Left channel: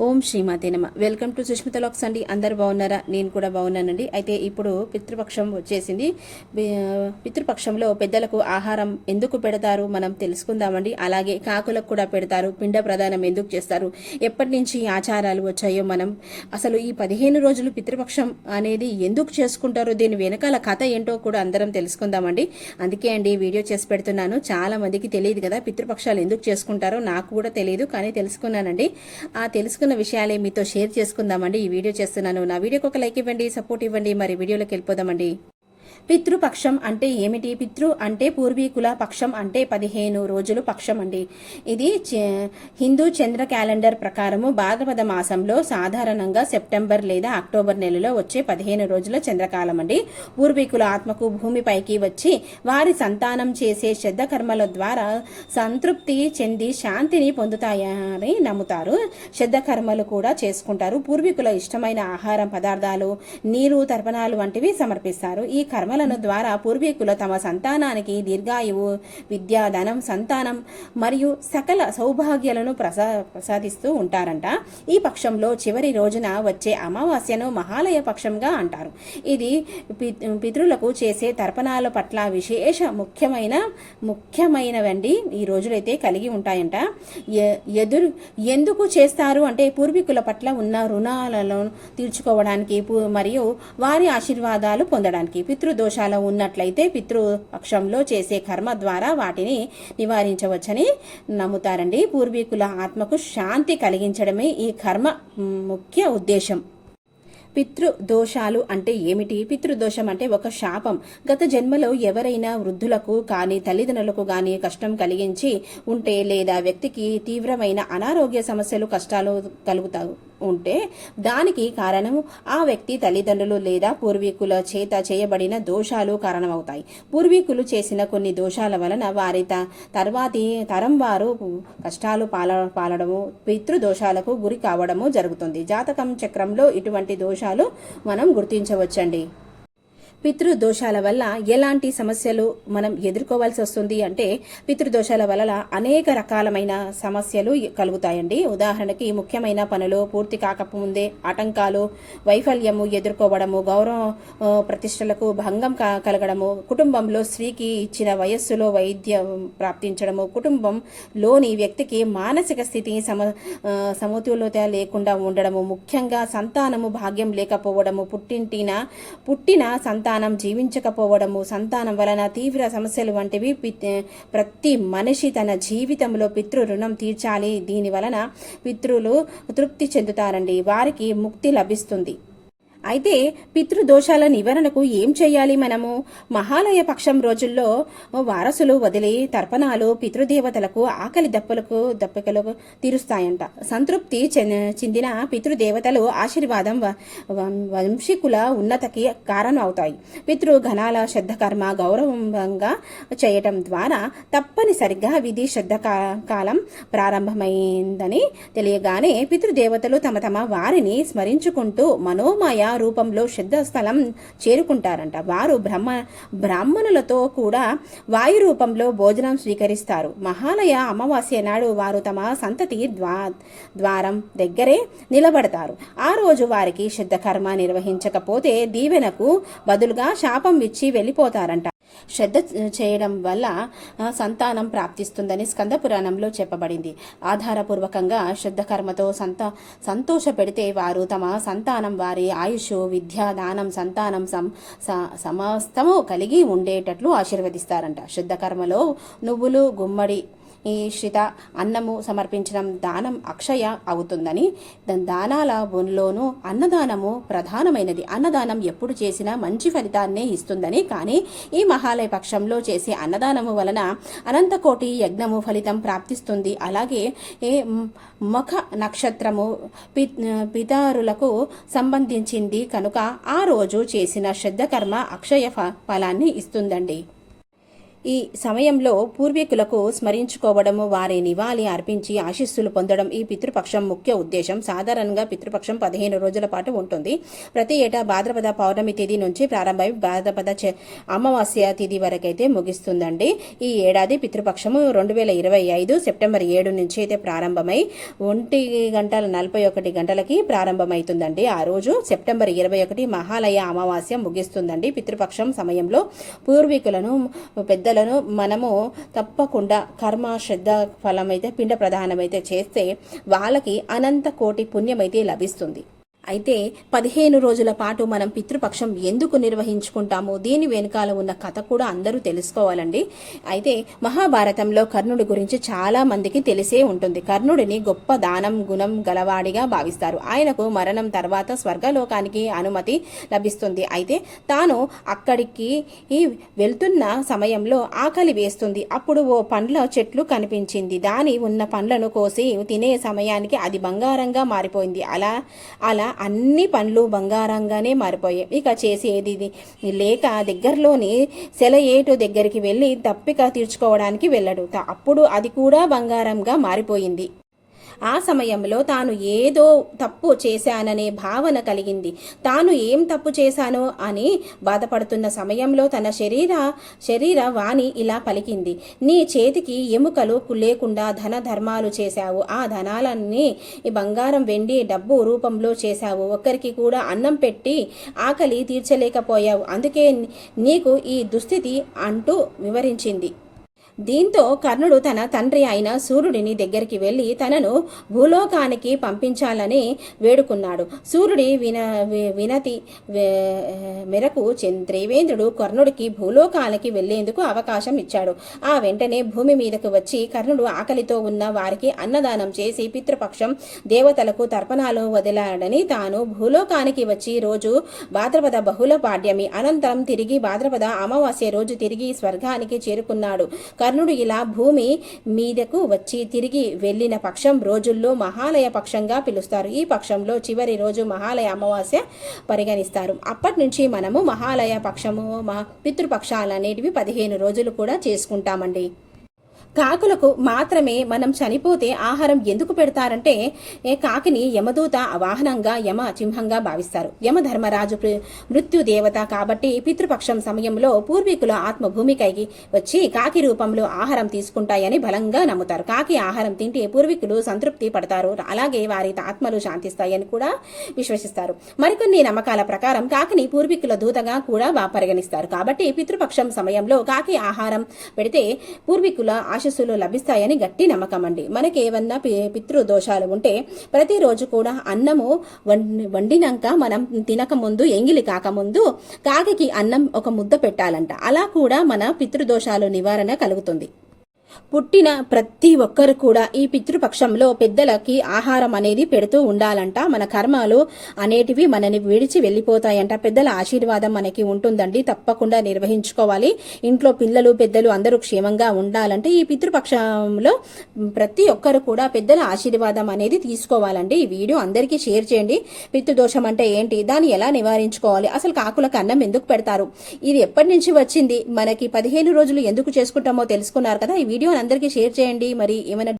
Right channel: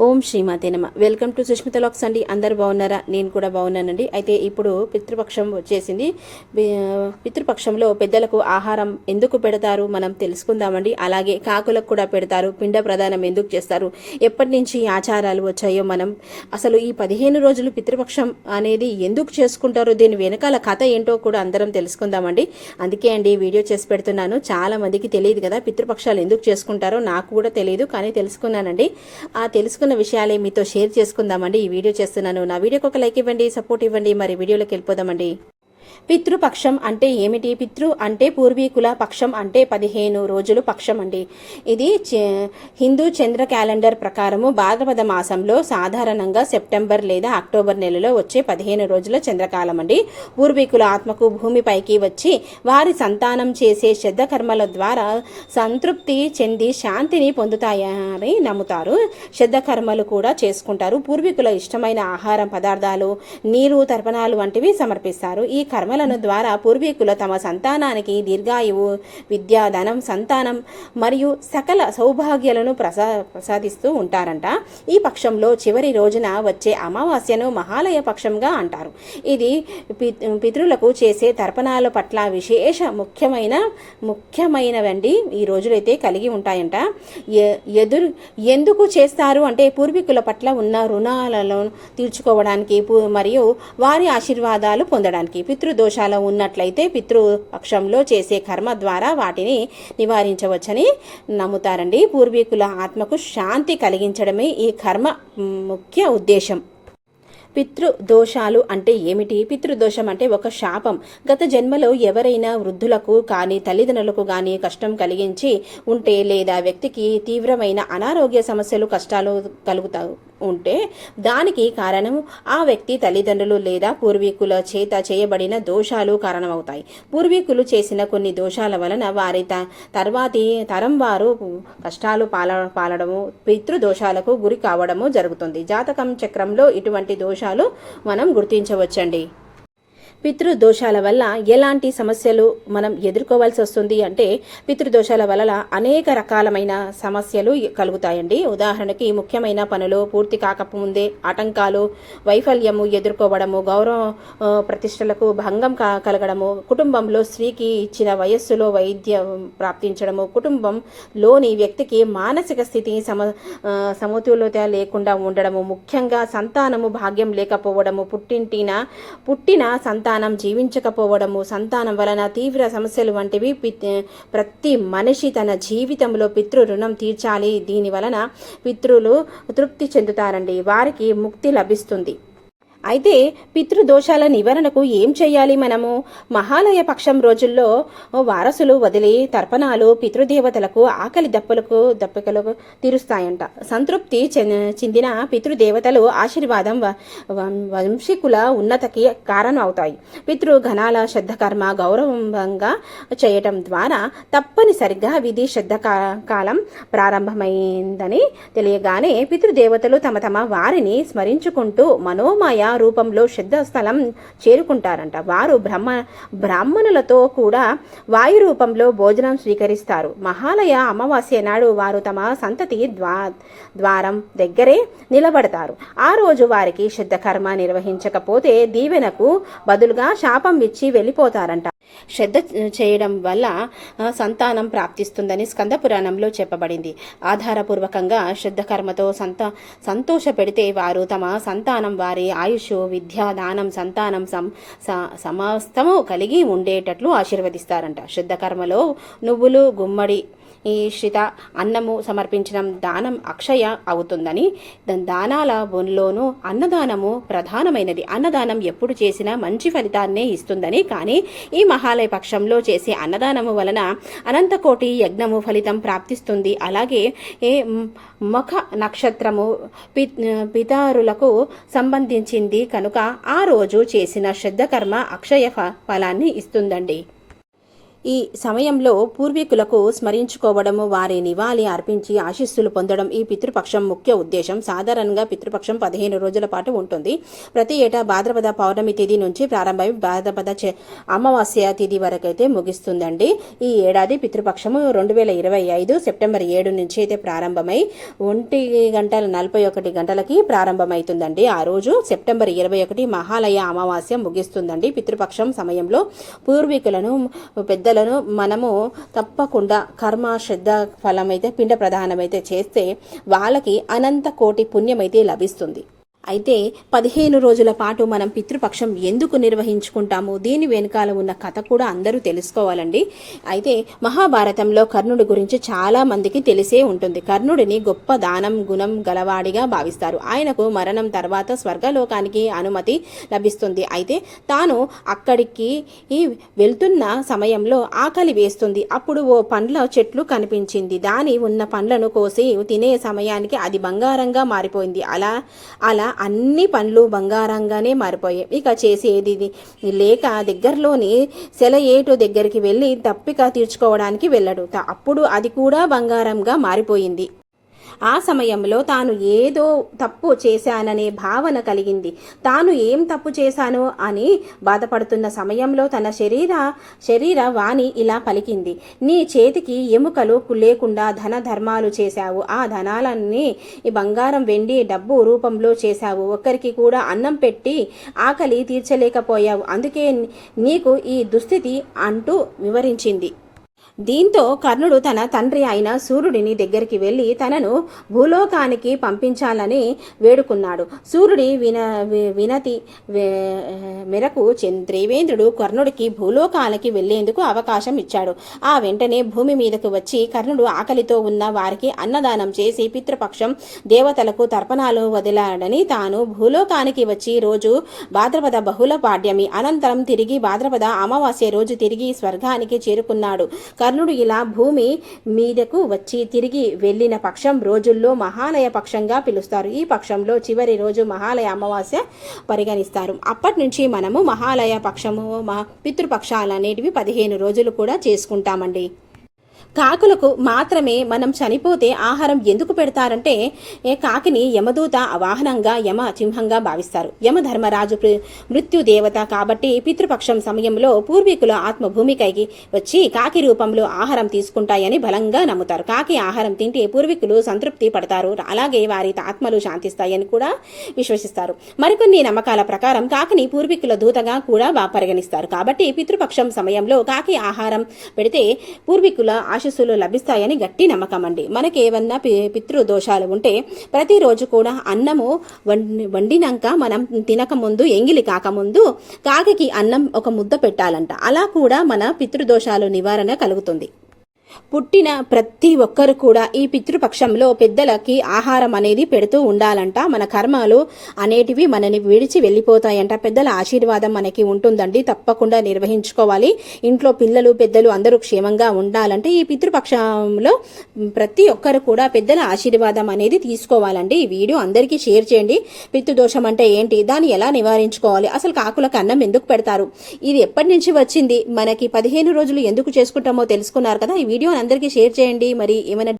ఓం శ్రీమాతే నమ. Welcome to Sushmita lakhs అండి. అందరు బాగున్నారా? నేను కూడా బాగున్నానండి. అయితే ఇప్పుడు పితృపక్షం వచ్చేసింది. పితృపక్షంలో పెద్దలకు ఆహారం ఎందుకు పెడతారు మనం తెలుసుకుందామండి. అలాగే కాకులకు కూడా పెడతారు. పిండ ప్రదానం ఎందుకు చేస్తారు? ఎప్పటి నుంచి ఆచారాలు వచ్చాయో మనం అసలు ఈ పదిహేను రోజులు పితృపక్షం అనేది ఎందుకు చేసుకుంటారో దీని వెనకాల కథ ఏంటో కూడా అందరం తెలుసుకుందామండి. అందుకే అండి వీడియో చేసి పెడుతున్నాను. చాలా మందికి తెలియదు కదా పితృపక్షాలు ఎందుకు చేసుకుంటారో. నాకు కూడా తెలియదు కానీ తెలుసుకున్నానండి. ఆ తెలుసుకున్న విషయాలే మీతో షేర్ చేసుకుందామండి. ఈ వీడియో చేస్తున్నాను. నా వీడియోకి ఒక లైక్ ఇవ్వండి సపోర్ట్ ఇవ్వండి. మరి వీడియోలోకి వెళ్ళిపోదామండి. పితృపక్షం అంటే ఏమిటి? పితృ అంటే పూర్వీకుల పక్షం అంటే పదిహేను రోజులు పక్షం అండి. ఇది హిందూ చంద్ర క్యాలెండర్ ప్రకారము భాద్రపద మాసంలో సాధారణంగా సెప్టెంబర్ లేదా అక్టోబర్ నెలలో వచ్చే పదిహేను రోజుల చంద్రకాలం అండి. పూర్వీకుల ఆత్మకు భూమిపైకి వచ్చి వారి సంతానం చేసే శ్రద్ధ కర్మల ద్వారా సంతృప్తి చెంది శాంతిని పొందుతాయని నమ్ముతారు. శ్రద్ధ కర్మలు కూడా చేసుకుంటారు. పూర్వీకుల ఇష్టమైన ఆహారం పదార్థాలు నీరు తర్పణాలు వంటివి సమర్పిస్తారు. ఈ కర్మలను ద్వారా పూర్వీకులు తమ సంతానానికి దీర్ఘాయువు విద్యాధనం సంతానం మరియు సకల సౌభాగ్యాలను ప్రసా ప్రసాదిస్తూ ఉంటారంట. ఈ పక్షంలో చివరి రోజున వచ్చే అమావాస్యను మహాలయ పక్షంగా అంటారు. ఇది పితృలకు చేసే తర్పణాల పట్ల విశేష ముఖ్యమైన ముఖ్యమైనవండి. ఈ రోజులైతే కలిగి ఉంటాయంట. ఎ- ఎదురు ఎందుకు చేస్తారు అంటే పూర్వీకుల పట్ల ఉన్న రుణాలను తీర్చుకోవడానికి మరియు వారి ఆశీర్వాదాలు పొందడానికి పితృదోషాలు ఉన్నట్లయితే పితృపక్షంలో చేసే కర్మ ద్వారా వాటిని నివారించవచ్చని నమ్ముతారండి. పూర్వీకుల ఆత్మకు శాంతి కలిగించడమే ఈ కర్మ ముఖ్య ఉద్దేశం. పితృదోషాలు అంటే ఏమిటి? పితృదోషం అంటే ఒక శాపం. గత జన్మలో ఎవరైనా వృద్ధులకు కానీ తల్లిదండ్రులకు కానీ కష్టం కలిగించి ఉంటే లేదా వ్యక్తికి తీవ్రమైన అనారోగ్య సమస్యలు కష్టాలు కలుగుతా ఉంటే దానికి కారణం ఆ వ్యక్తి తల్లిదండ్రులు లేదా పూర్వీకుల చేత చేయబడిన దోషాలు కారణమవుతాయి. పూర్వీకులు చేసిన కొన్ని దోషాల వలన వారి త- తర్వాతి తరం వారు కష్టాలు పాల పాలడము పితృదోషాలకు గురి కావడము జరుగుతుంది. జాతకం చక్రంలో ఇటువంటి దోషాలు మనం గుర్తించవచ్చండి. పితృదోషాల వల్ల ఎలాంటి సమస్యలు మనం ఎదుర్కోవాల్సి వస్తుంది అంటే పితృదోషాల వల్ల అనేక రకాలమైన సమస్యలు కలుగుతాయండి. ఉదాహరణకి ముఖ్యమైన పనులు పూర్తి కాకముందే ఆటంకాలు వైఫల్యము ఎదుర్కోవడము గౌరవ ప్రతిష్టలకు భంగం కలగడము కుటుంబంలో స్త్రీకి ఇచ్చిన వయస్సులో వైద్యం ప్రాప్తించడము కుటుంబంలోని వ్యక్తికి మానసిక స్థితి సమ సమతుల్యత లేకుండా ఉండడము ముఖ్యంగా సంతానము భాగ్యం లేకపోవడము పుట్టింటిన పుట్టిన సంతానం జీవించకపోవడము సంతానం వలన తీవ్ర సమస్యలు వంటివి ప్రతి మనిషి తన జీవితంలో పితృ రుణం తీర్చాలి. దీని వలన పితృలు తృప్తి చెందుతారండి. వారికి ముక్తి లభిస్తుంది. అయితే పితృదోషాల నివారణకు ఏం చేయాలి మనము? మహాలయ పక్షం రోజుల్లో వారసులు వదిలి తర్పణాలు పితృదేవతలకు ఆకలి దప్పులకు దప్పికలకు తీరుస్తాయంట. సంతృప్తి చెందిన పితృదేవతలు ఆశీర్వాదం వ- వంశీకుల ఉన్నతకి కారణం అవుతాయి పితృఘనాల శ్రద్ధకర్మ గౌరవంగా చేయటం ద్వారా తప్పనిసరిగా విధి శ్రద్ధ కాలం ప్రారంభమైందని తెలియగానే పితృదేవతలు తమ తమ వారిని స్మరించుకుంటూ మనోమయ రూపంలో శ్రద్ధ స్థలం చేరుకుంటారంట. వారు బ్రహ్మ బ్రాహ్మణులతో కూడా వాయు రూపంలో భోజనం స్వీకరిస్తారు. మహాలయ అమావాస్య నాడు వారు తమ సంతతి ద్వా ద్వారం దగ్గరే నిలబడతారు. ఆ రోజు వారికి శుద్ధకర్మ నిర్వహించకపోతే దీవెనకు బదులుగా శాపం ఇచ్చి వెళ్ళిపోతారంట. శ్రద్ధ చేయడం వల్ల సంతానం ప్రాప్తిస్తుందని స్కంద పురాణంలో చెప్పబడింది. ఆధారపూర్వకంగా శ్రద్ధ కర్మతో సంత సంతోష పెడితే వారు తమ సంతానం వారి ఆయుష్ విద్య దానం సంతానం సం సమస్తము కలిగి ఉండేటట్లు ఆశీర్వదిస్తారంట. శ్రద్ధ కర్మలో నువ్వులు గుమ్మడి ఈ శ్రిత అన్నము సమర్పించడం దానం అక్షయ అవుతుందని దానాల బొన్లోనూ అన్నదానము ప్రధానమైనది. అన్నదానం ఎప్పుడు చేసినా మంచి ఫలితాన్నే ఇస్తుందని కానీ ఈ మహాలయ పక్షంలో చేసే అన్నదానము వలన అనంతకోటి యజ్ఞము ఫలితం ప్రాప్తిస్తుంది. అలాగే ఏ ముఖ నక్షత్రము పి పితారులకు సంబంధించింది కనుక ఆ రోజు చేసిన శ్రద్ధ కర్మ అక్షయ ఫ- ఫలాన్ని ఇస్తుందండి. ఈ సమయంలో పూర్వీకులకు స్మరించుకోవడము వారి నివాళి అర్పించి ఆశీస్సులు పొందడం ఈ పితృపక్షం ముఖ్య ఉద్దేశం. సాధారణంగా పితృపక్షం పదిహేను రోజుల పాటు ఉంటుంది. ప్రతి ఏటా భాద్రపద పౌర్ణమి తేదీ నుంచి ప్రారంభమై భాద్రపద చ- అమావాస్య తేదీ వరకైతే ముగిస్తుందండి. ఈ ఏడాది పితృపక్షము రెండు వేల ఇరవై ఐదు సెప్టెంబర్ ఏడు నుంచి అయితే ప్రారంభమై ఒంటి గంటల నలభై ఒకటి గంటలకి ప్రారంభమవుతుందండి ఆ రోజు సెప్టెంబర్ ఇరవై ఒకటి మహాలయ అమావాస్య ముగిస్తుందండి. పితృపక్షం సమయంలో పూర్వీకులను పెద్ద పెద్దలను మనము తప్పకుండా కర్మ శ్రద్ధ ఫలమైతే పిండ ప్రధానమైతే చేస్తే వాళ్ళకి అనంత కోటి పుణ్యమైతే లభిస్తుంది. అయితే పదిహేను రోజుల పాటు మనం పితృపక్షం ఎందుకు నిర్వహించుకుంటాము దీని వెనుకాల ఉన్న కథ కూడా అందరూ తెలుసుకోవాలండి. అయితే మహాభారతంలో కర్ణుడి గురించి చాలా మందికి తెలిసే ఉంటుంది. కర్ణుడిని గొప్ప దానం గుణం గలవాడిగా భావిస్తారు. ఆయనకు మరణం తర్వాత స్వర్గలోకానికి అనుమతి లభిస్తుంది. అయితే తాను అక్కడికి ఈ వెళ్తున్న సమయంలో ఆకలి వేస్తుంది. అప్పుడు ఓ పండ్ల చెట్లు కనిపించింది. దాని ఉన్న పండ్లను కోసి తినే సమయానికి అది బంగారంగా మారిపోయింది. అలా అలా అన్ని పనులు బంగారంగానే మారిపోయాయి. ఇక చేసేది లేక దగ్గరలోని సెలయేటు దగ్గరికి వెళ్ళి తప్పిక తీర్చుకోవడానికి వెళ్ళడు. అప్పుడు అది కూడా బంగారంగా మారిపోయింది. ఆ సమయంలో తాను ఏదో తప్పు చేశాననే భావన కలిగింది. తాను ఏం తప్పు చేశానో అని బాధపడుతున్న సమయంలో తన శరీర శరీర వాణి ఇలా పలికింది. నీ చేతికి ఎముకలు లేకుండా ధన ధర్మాలు చేశావు. ఆ ధనాలన్నీ ఈ బంగారం వెండి డబ్బు రూపంలో చేశావు. ఒక్కరికి కూడా అన్నం పెట్టి ఆకలి తీర్చలేకపోయావు. అందుకే నీకు ఈ దుస్థితి అంటూ వివరించింది. దీంతో కర్ణుడు తన తండ్రి అయిన సూర్యుడిని దగ్గరికి వెళ్ళి తనను భూలోకానికి పంపించాలని వేడుకున్నాడు. సూర్యుడి విన వినతి వే- మేరకు త్రివేంద్రుడు కర్ణుడికి భూలోకానికి వెళ్ళేందుకు అవకాశం ఇచ్చాడు. ఆ వెంటనే భూమి మీదకు వచ్చి కర్ణుడు ఆకలితో ఉన్న వారికి అన్నదానం చేసి పితృపక్షం దేవతలకు తర్పణాలు వదిలాడని తాను భూలోకానికి వచ్చి రోజు భాద్రపద బహుళ పాడ్యమి అనంతరం తిరిగి భాద్రపద అమావాస్య రోజు తిరిగి స్వర్గానికి చేరుకున్నాడు. కర్ణుడు ఇలా భూమి మీదకు వచ్చి తిరిగి వెళ్ళిన పక్షం రోజుల్లో మహాలయ పక్షంగా పిలుస్తారు. ఈ పక్షంలో చివరి రోజు మహాలయ అమావాస్య పరిగణిస్తారు. అప్పటి నుంచి మనము మహాలయ పక్షము మా పితృపక్షాలు అనేటివి పదిహేను రోజులు కూడా చేసుకుంటామండి. కాకులకు మాత్రమే మనం చనిపోతే ఆహారం ఎందుకు పెడతారంటే ఏ కాకిని యమదూత వాహనంగా యమ చింహంగా భావిస్తారు. యమధర్మరాజు మృత్యుదేవత మృత్యు దేవత కాబట్టి పితృపక్షం సమయంలో పూర్వీకుల ఆత్మభూమికైకి వచ్చి కాకి రూపంలో ఆహారం తీసుకుంటాయని బలంగా నమ్ముతారు. కాకి ఆహారం తింటే పూర్వీకులు సంతృప్తి పడతారు. అలాగే వారి ఆత్మలు శాంతిస్తాయని కూడా విశ్వసిస్తారు. మరికొన్ని నమ్మకాల ప్రకారం కాకిని పూర్వీకుల దూతగా కూడా పరిగణిస్తారు. కాబట్టి పితృపక్షం సమయంలో కాకి ఆహారం పెడితే పూర్వీకుల ఆశస్సులు లభిస్తాయని గట్టి నమ్మకం అండి మనకి ఏమన్నా పితృదోషాలు పితృ దోషాలు ఉంటే ప్రతిరోజు కూడా అన్నము వండి వండినాక మనం తినక ముందు ఎంగిలి కాకముందు కాకి అన్నం ఒక ముద్ద పెట్టాలంట. అలా కూడా మన పితృదోషాలు నివారణ కలుగుతుంది. పుట్టిన ప్రతి ఒక్కరు కూడా ఈ పితృపక్షంలో పెద్దలకి ఆహారం అనేది పెడుతూ ఉండాలంట. మన కర్మాలు అనేటివి మనని విడిచి వెళ్ళిపోతాయంట. పెద్దల ఆశీర్వాదం మనకి ఉంటుందండి. తప్పకుండా నిర్వహించుకోవాలి. ఇంట్లో పిల్లలు పెద్దలు అందరూ క్షేమంగా ఉండాలంటే ఈ పితృపక్షంలో ప్రతి ఒక్కరు కూడా పెద్దల ఆశీర్వాదం అనేది తీసుకోవాలండి. ఈ వీడియో అందరికీ షేర్ చేయండి. పితృదోషం అంటే ఏంటి? దాన్ని ఎలా నివారించుకోవాలి? అసలు కాకులకు అన్నం ఎందుకు పెడతారు? ఇది ఎప్పటి నుంచి వచ్చింది? మనకి పదిహేను రోజులు ఎందుకు చేసుకుంటామో తెలుసుకున్నారు కదా? ఈ వీడియోని అందరికీ షేర్ చేయండి. మరి ఏమైనా